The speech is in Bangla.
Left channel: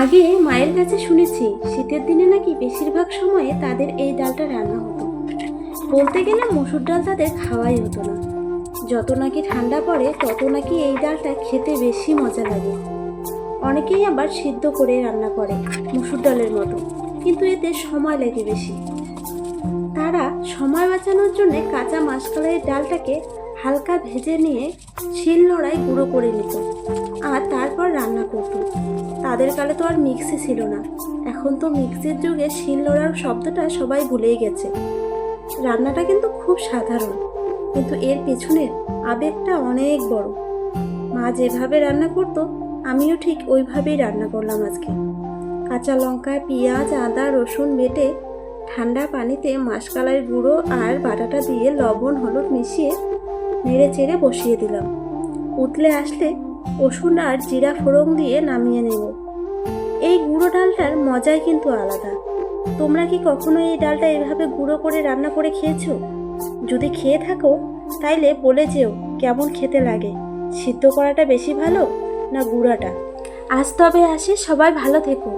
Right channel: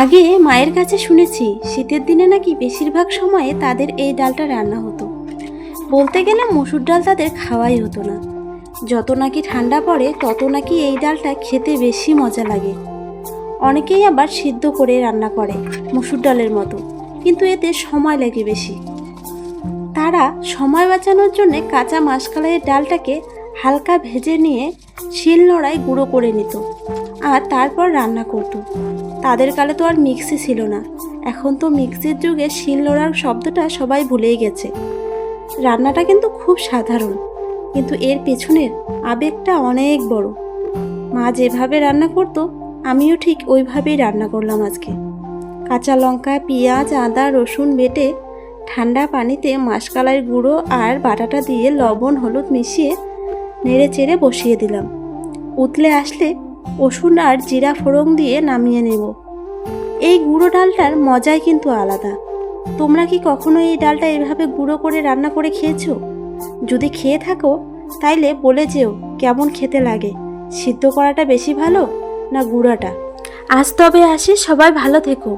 আগে মায়ের কাছে শুনেছি শীতের দিনে নাকি বেশিরভাগ সময়ে তাদের এই ডালটা রান্না হতো। বলতে গেলে মসুর ডাল তাদের খাওয়াই হতো না। যত নাকি ঠান্ডা পড়ে তত নাকি এই ডালটা খেতে বেশি মজা লাগে। অনেকেই আবার সিদ্ধ করে রান্না করে মসুর ডালের মতো, কিন্তু এতে সময় লাগে বেশি। তারা সময় বাঁচানোর জন্য কাঁচা মাসকলাইয়ের ডালটাকে হালকা ভেজে নিয়ে শিলনোড়ায় গুঁড়ো করে নিত আর তারপর রান্না করত। তাদের কালে তো আর মিক্সি ছিল না। এখন তো মিক্সির যুগে শিলনোড়ার শব্দটা সবাই ভুলেই গেছে। রান্নাটা কিন্তু খুব সাধারণ, কিন্তু এর পেছনের আবেগটা অনেক বড়। মা যেভাবে রান্না করতো আমিও ঠিক ওইভাবেই রান্না করলাম আজকে। কাঁচা লঙ্কা, পেঁয়াজ, আদা, রসুন বেটে ঠান্ডা পানিতে মাসকলাইয়ের গুঁড়ো আর বাটাটা দিয়ে লবণ হলুদ মিশিয়ে নেড়ে চেড়ে বসিয়ে দিলাম। উতলে আসলে রসুন আর জিরা ফোড়ন দিয়ে নামিয়ে নেব। এই গুঁড়ো ডালটার মজাই কিন্তু আলাদা। তোমরা কি কখনো এই ডালটা এভাবে গুঁড়ো করে রান্না করে খেয়েছো? যদি খেয়ে থাকো তাইলে বলে যেও কেমন খেতে লাগে। সিদ্ধ করাটা বেশি ভালো না গুঁড়াটা? আজ তবে আসি, সবাই ভালো থেকো।